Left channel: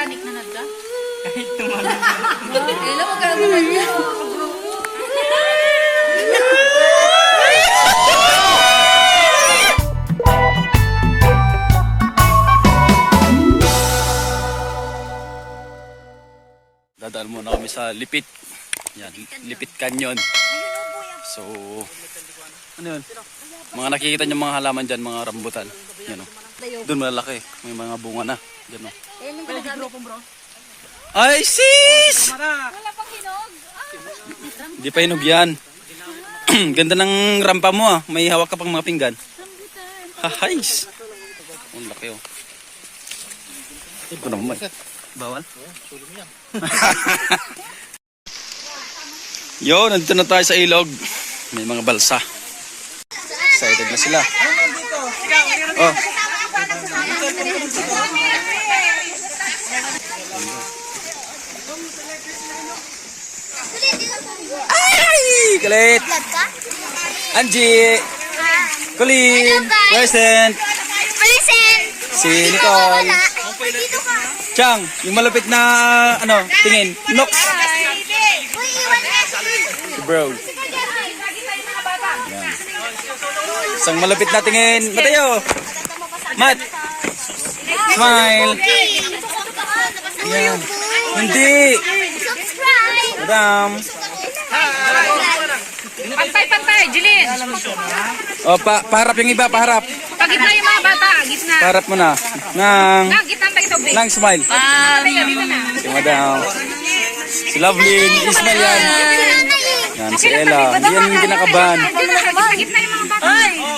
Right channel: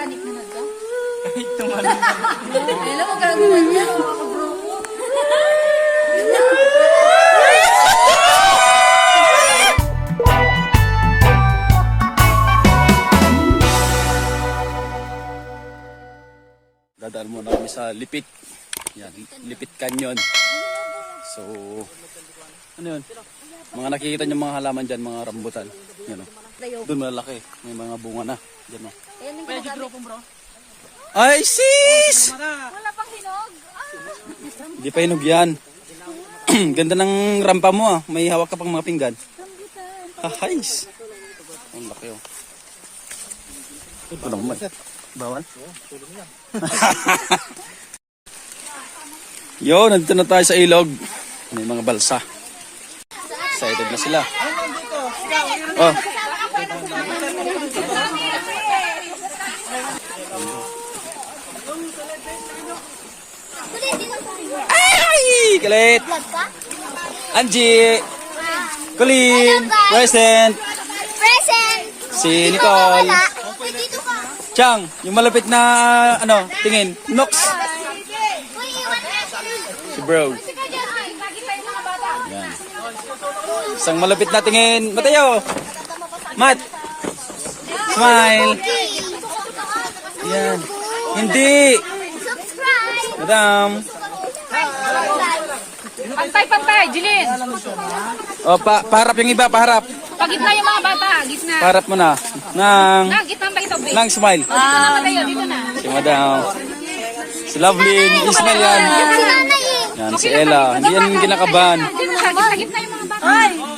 makanik na nadda? Kahit tumami. Kailan mo gagawin niya? Dadaan muna kami sa Lipit. Yan, Lipit Canyon. So, ano yun? Mga nakikita niyo mga halaman dyan, mga rambutan. Yan o. Doon malalaki. May mga bunga na. Yan o. Ay, sis! Wala pang hinog. Hindi pa hinog yan. Ganda ng rampa mo ah. May hawak ka pang mga pinggan. Hahays! Ang laki o. Ito naman. Bawal? Yo, nandito na tayo sa ilog. May mga balsa. Excited na sila. Oh. Ay! Kalit! Angie! Colleen! Present! Present! Si Nicole! Chang, yung malapit na ano, tingin. Nox. Si bro. Yan. Isang malapit na tingin. Mateo. Matt. Smile. Yan. Hindi. Madam. Pantay, Jilin. O, paharap yung iba, paharap. Pagitna yung mga bata. Gitna. Paharap mo na. Gitna tayo ito. Nang smile. Si Madam. Si Loveline. Ismail yan. Yan, si Ella. Hindi yan yung kinakabahan. Gitna yung mga bata.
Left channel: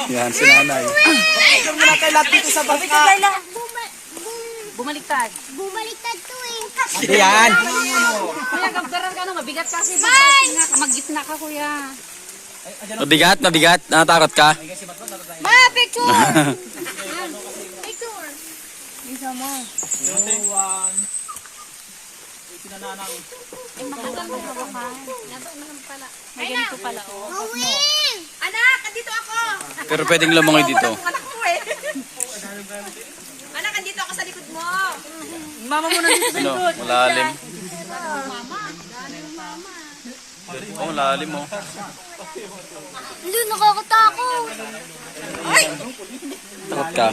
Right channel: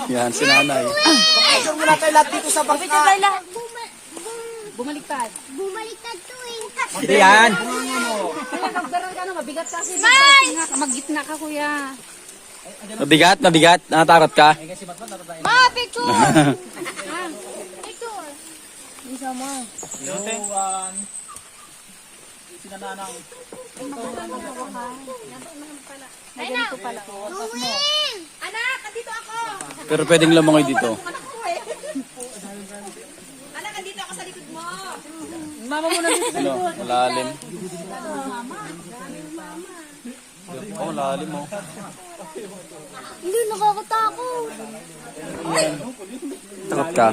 Yan, si Nanay. Bumaliktad. Bumaliktad to eh. Hindi yan. Kuya, gagdaran ka no. Mabigat kasi. Mag-gitna ka, kuya. Mabigat, mabigat. Natatakot ka? Ma, picture! Picture! Isa mo. Matagal mo hawakan. May ganito pala. Gawin! Anak, andito ako! Pero pwedeng lamangoy dito. Anak ko eh. Anak, andito ako sa likod mo. Mama mo nandito sa Ano, malalim. Oh, malalim oh. Hindi, nakakatakot. Takot ka.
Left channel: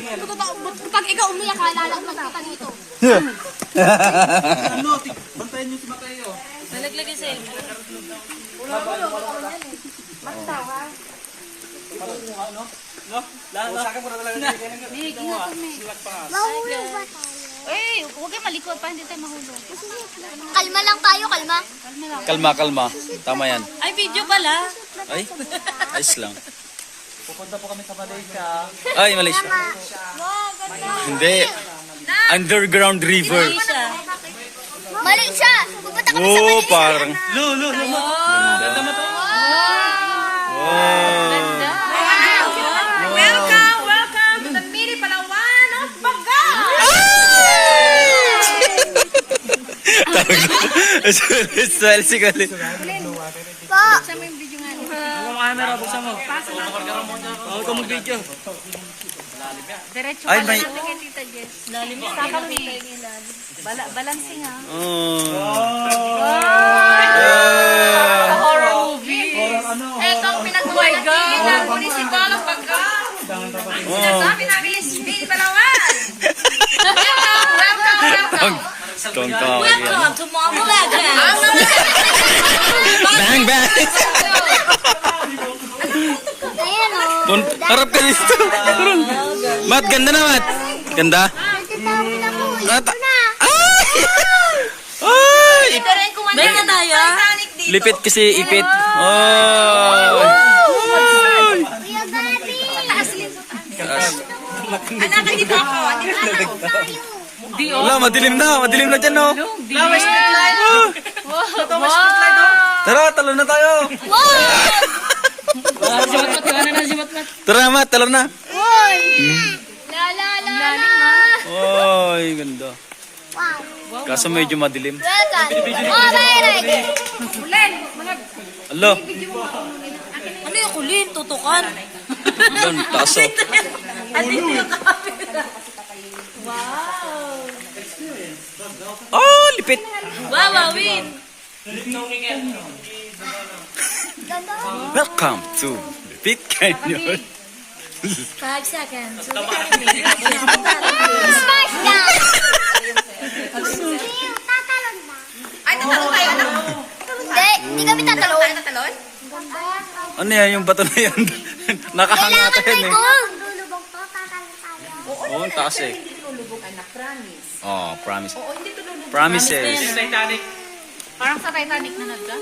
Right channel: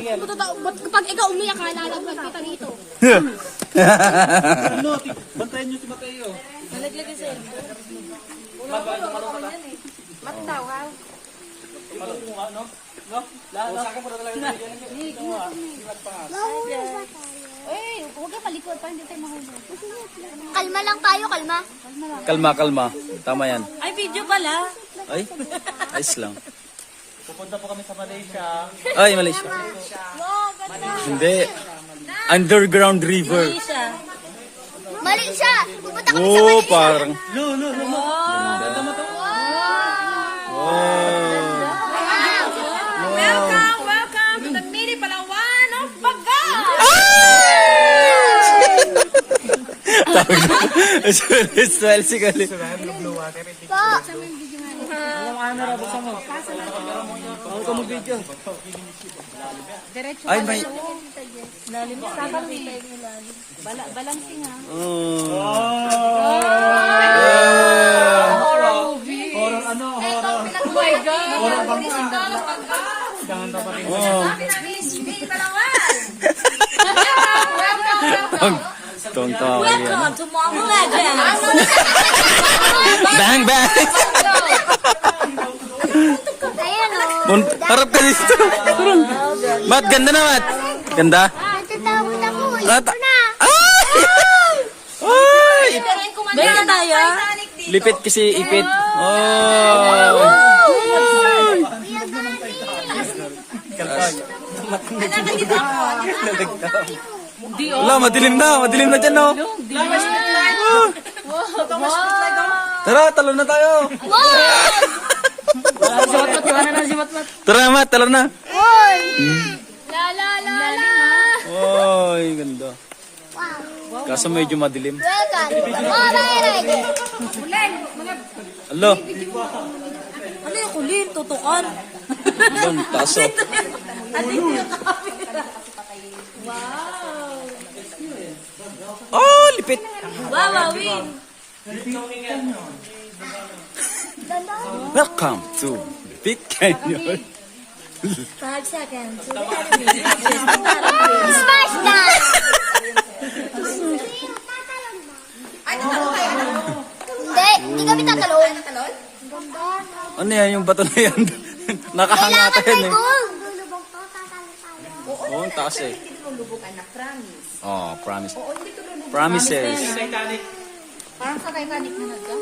Kapag ikaw umiyak, lalaglag kita dito. Bantayan niyo si Mateo. Nalaglag yung cellphone. Mahulog ba tayo? Eh, huwag kayo malikot pa, hindi tayo mahulog. Kalma lang tayo, kalma. Kalma, kalma. Tama yan. Ay, video pala. Ay, ayos lang. Pupunta po kami sa Malaysia. Ay, Malaysia. Hindi. Underground river. Mali siya. Pupunta kami sa Oh, Malaysia. parang. Ganda mo to? Wow. Welcome to the Mini Palawan of Baga! Tawag na. Smile si Colin. Buksan mo yung video nga. Yung camera, buksan mo. Oo, ito mag-video. Diretso Ay, ka may... lang kay Tita Jess. Lalim mo. Sakal ni. Balancing ha. Oh. Horror movie. Ano? Ito ang pinagmumalaking ng municipal of Baga. Sinasabi namin is Mini Palawan. Welcome. Tong-tong. to Mama Legend. Bang, bang. Ayan o. Harap ka dito. Mat, ganda na, Mat. Ganda? Natatawid ako. Mat. Ito na. Ay! May na tayo. Lipit kasi ipit. Oh! Kuya Gabi. Anak, dito ako. Wala, madilim na. Madilim na dyan, no? Flowers street light. Tara, talo na tayo. Tara, Mat, talo na. Uy. La la la la. Oy, ganda. Wow. Kaso medyo madilim. Welcome. Alright. Alo, Ano yung kulin? Tutukan. doon, taso. At hindi yung kapit. Wow. lipit. Wawawin. Welcome to Lipit Canyon. 5 seconds. Smash gun! Tatalon ba? Ay, tatalon tayo, anak. Hindi kami tatalon. Tayo tatalon? Ano yan yung bato na yan? Nakahanga ata yan eh. Lulubog to, tatalon tayo. Oo, ang taas eh. Oh, promise. Oo, hindi tulunod. Promises. Titanic. Parang sa Titanic na ka?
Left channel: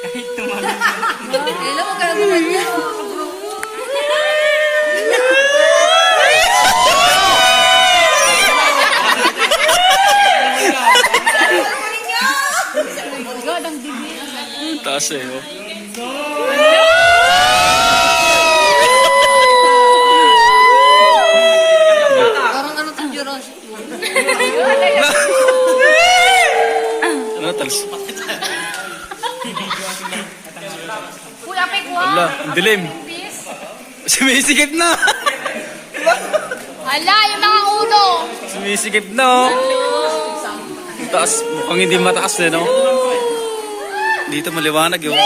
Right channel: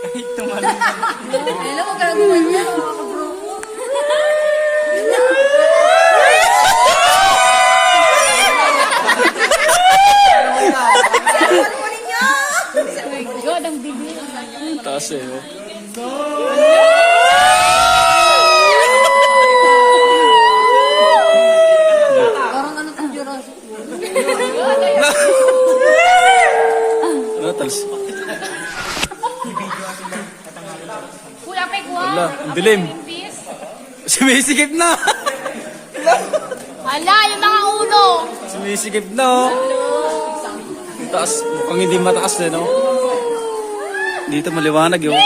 Kahit tumalon ka. Hello, mo gagawin niya. Ang taas eh. Oh. Parang ano tong Jurassic World. Ano, talas? Kuya, may kuha. Wala, ang dilim. Sumisikip na. Ala, yung mga ulo. Sumisikip na oh. Ang taas, mukhang hindi mataas eh, no? Dito maliwanag yun.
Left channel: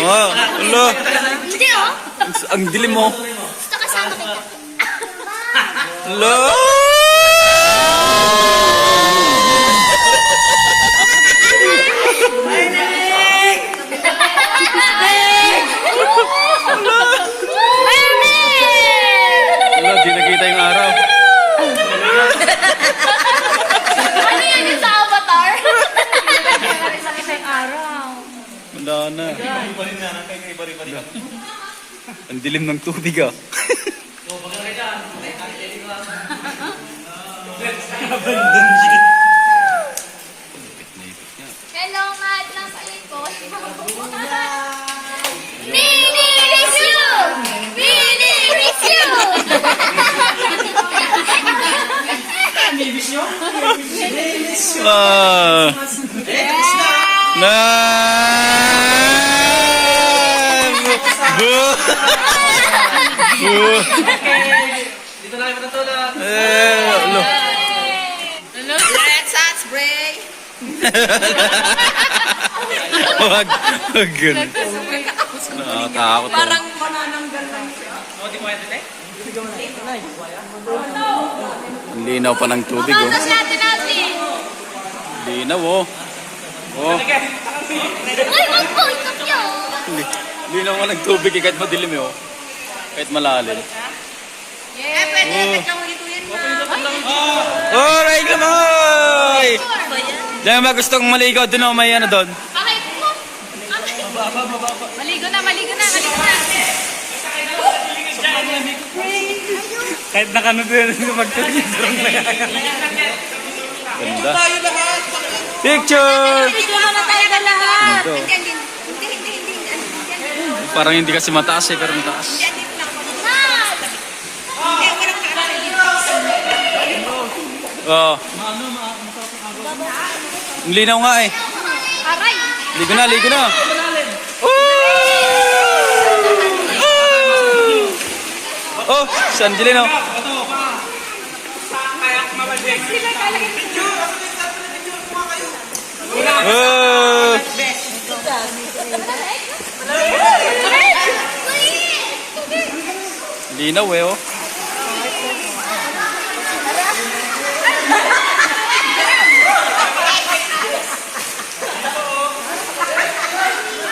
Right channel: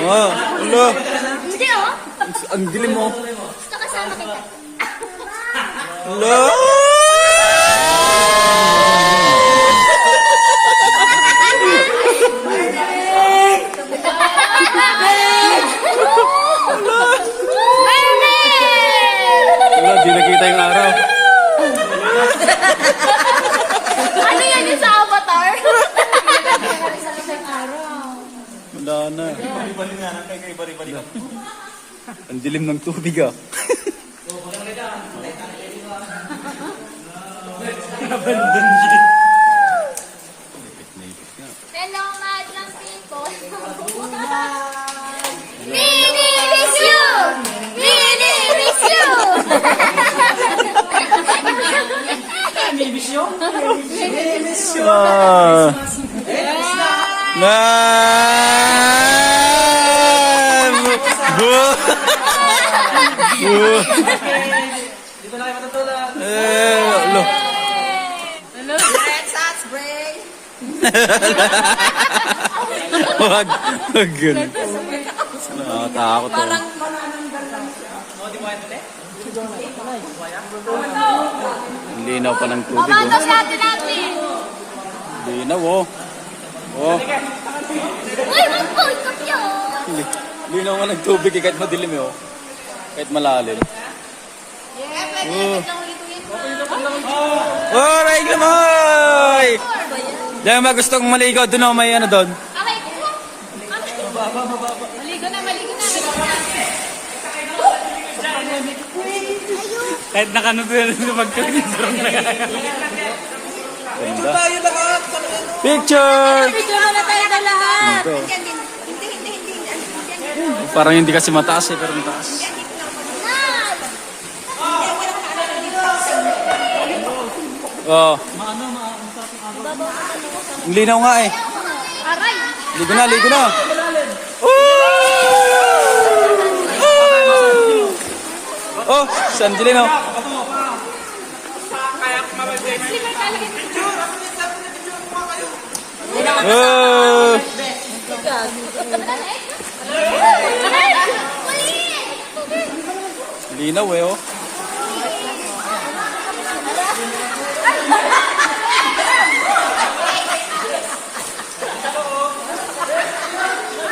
Oh, ala. Hindi oh. Ang dilim mo. Gusto kasama kita. Ala. Ala, di nakita yung araw. Ano yan yung sa avatar? Sakit yung araw. Wala na. Ala. Ang dilim ng tubig ah. Hello, Matt. Nasa ikot. Mini with you! Mini with you! Ah. Na. Bu. Bu. Dito na kayo matutulog. Alo. Let's spray. Wag. Wag ganun. Nakatakot ako. Oh, di mo yan dali? Ang linaw pa ng tubig oh. Ano si ate natin? Linaw oh. Oh. Uy, wag po! Ikot yun! Linaw nga ng tubig eh, kahit madilim eh oh. Kahit malalim. Yeah, pwede. Biglang ulituin mo. Alright kamoy! Diyan ba gustong maligaw doon oh, may ano doon? Maligo na, maligo na, maligo na. Kahit nakano doon magtulog na yan. Ganda. Picture! Video na tayo na lahat. Ito. Hindi. Parang hindi kasi mataas eh, pero mataas. Oo. Ang linaw nga eh. Ligo na, ligo na. Oh, si Angelina. Oh. Linaw eh oh.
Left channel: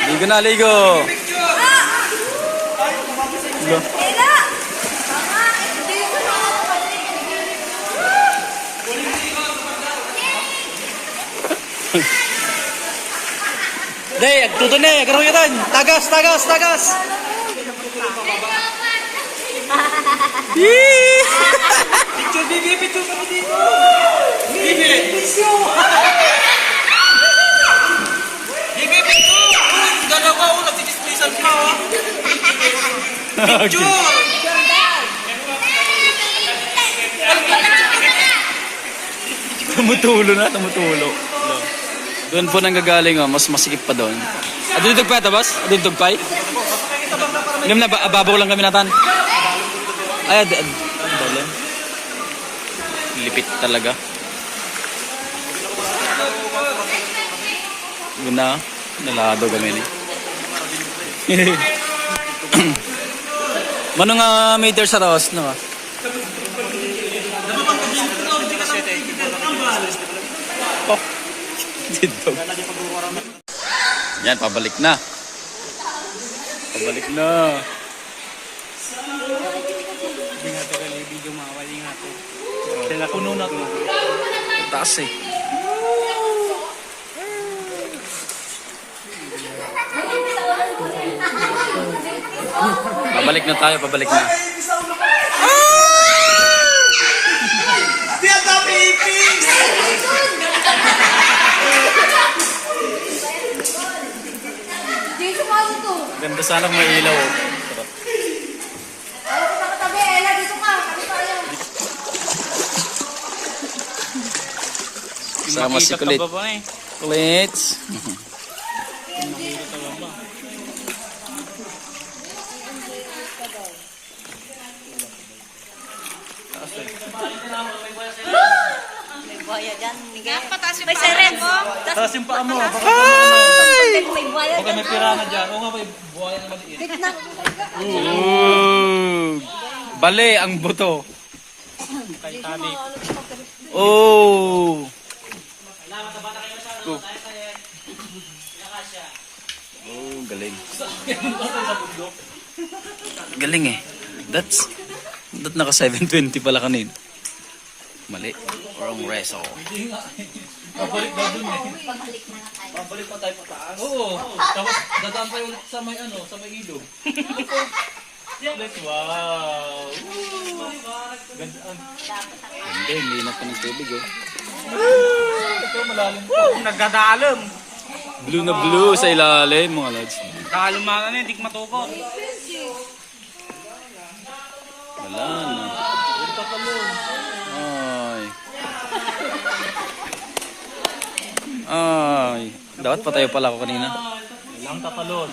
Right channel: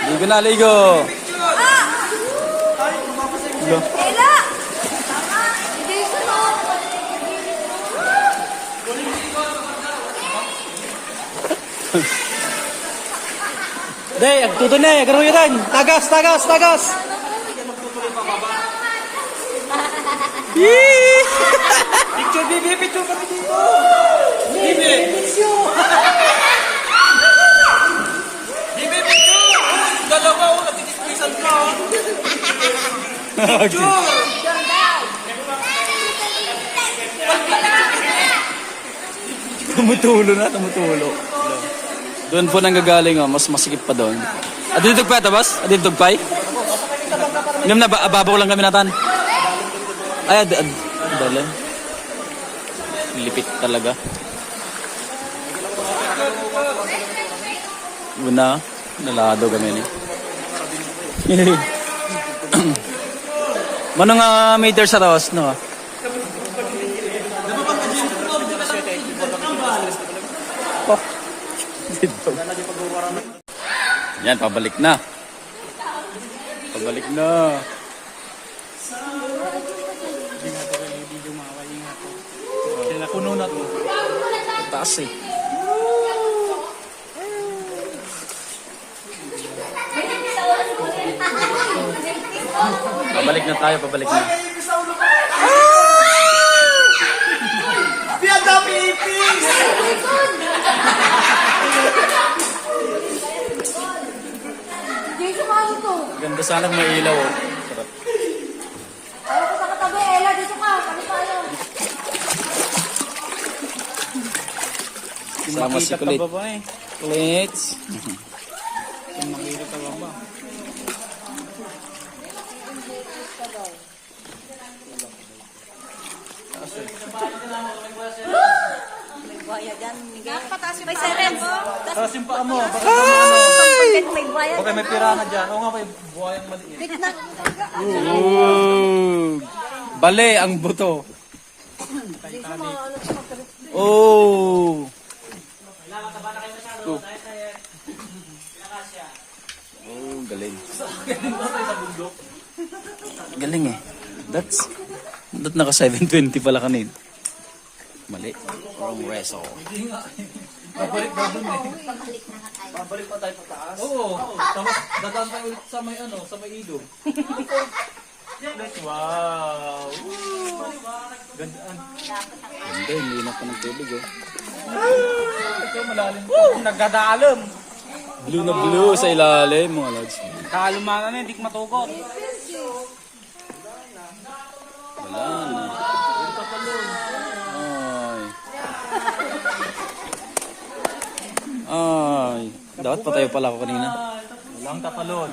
Ligo na, ligo. Ligo. Day, agtuto na eh. Garo yun. Tagas, tagas, tagas. Picture, Bibi. Picture kami dito. Bibi. Bibi, picture. Dalawa ko. Nagsidisplaysan ka. Picture. Tumutulo na, tumutulo. Doon po nanggagaling oh, mas masikip pa doon. Adun tugpay tabas? Adun tugpay? Ngam na ababaw lang kami natan. Ay, dalim. Lipit talaga. Una, nalado kami ni. Mano nga meter sa tawas, no? Oh, dito. Yan, pabalik na. Pabalik na. Hindi nga ito kalibi dumawali nga ito. Sila puno na to. Taas eh. Pabalik na tayo, pabalik na. Dito ka to. Ganda sanang may ilaw. Oh. Sarap. Ayaw ko sa katabi. Ella, dito ka. Kami tayo. Sama si Makita Kulit. ka ba ba eh? Kulits. Kung makikita ka ba? May siren ko. Taas yung paa mo. Baka may pirana dyan. Oo nga, may buhayang maliit. Ooh. Bale ang buto. Oh. Oh, galing. Galing eh. That naka 720 pala kanina. Mali. Wrong reso. Babalik daw dun eh. Babalik pa tayo pataas? Oo. Tapos dadaan tayo ulit sa may ano, sa may ilog. Like, wow. Gandaan. Hindi, hindi na pa ng tubig oh. Ito malalim po. Nagdadaalam. Blue na blue sa ilalim mga lads. Kalumangan na, hindi ko matugot. Wala na. Ay. Dapat patayo pala ako kanina. Walang tatalon.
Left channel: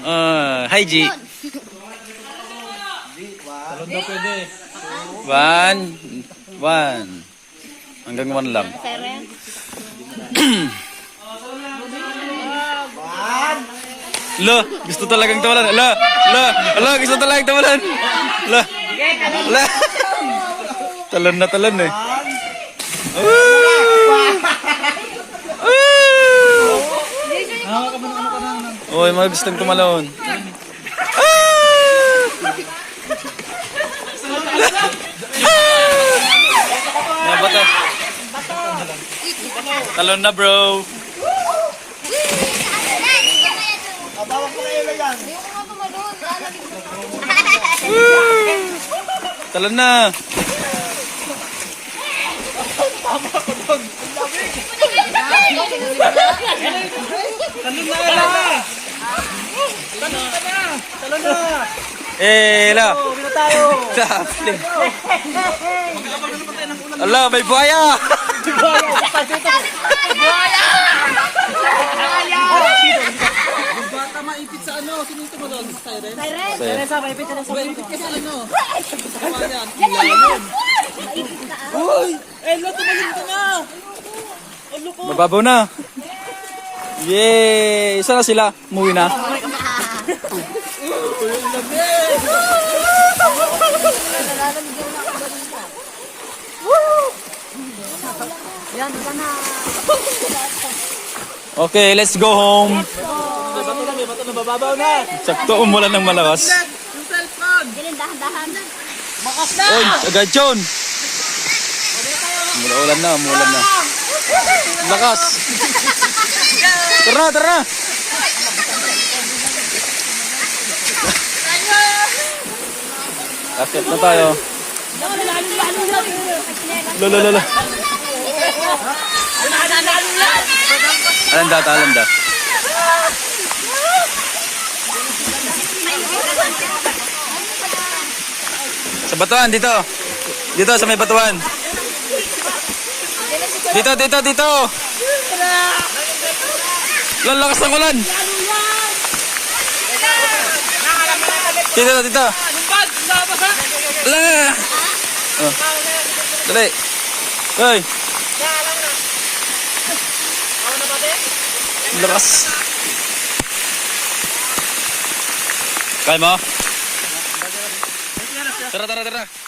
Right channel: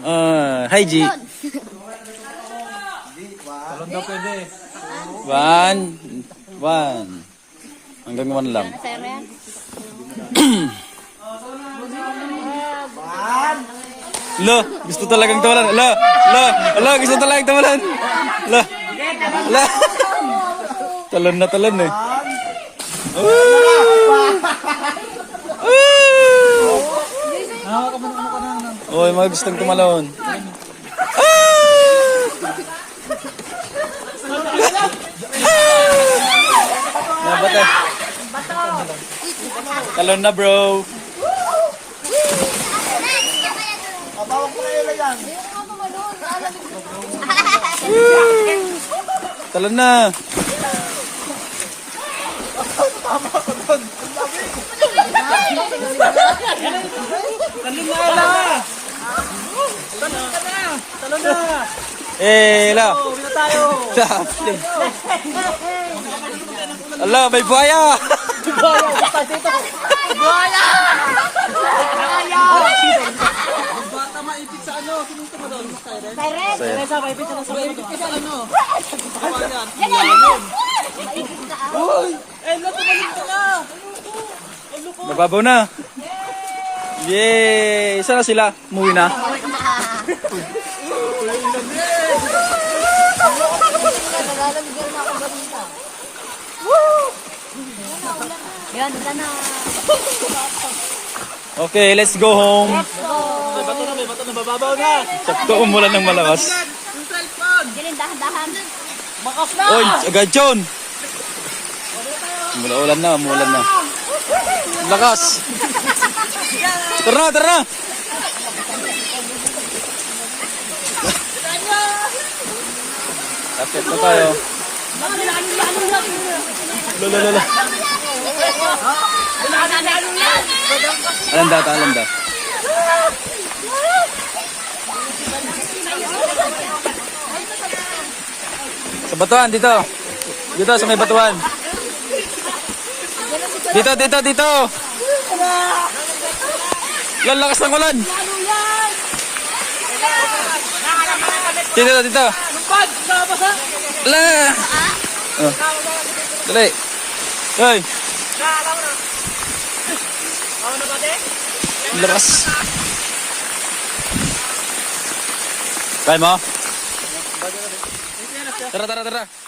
Hi G. Talon daw pwede. One. Hanggang 1 lang. Lo, gusto talagang tawalan. Lo, gusto talagang tawalan. Lo. Talon na talon eh. Oy, mga gustong tumalon. Bato. Talon na bro. Talon na. Talon na! La. Ala, may buhaya. Bata maipit sa ano? Sinito mo doon? Siren. Sa maipit sa maipit sa ano? Maipit na ah. Uy! Eh, lo, tumalim ka na! Mababaw na. Yay! Isa na sila. Umuwi na. Ganda na. Okay, let's go home. May bato na, bababaw na! Sakto umulan ng malakas. Galing, dahan-dahan. Oy, agad yun. Umulan na. Lakas. Tara na. Akit na tayo. Lala. Alanda. Sa batuan, dito. Dito, sa may batuan. Dito. Lalakas ng ulan. Dito. La. Oh. Dali. Hoy. Lakas. Kaya mo? Tara, tara, tara.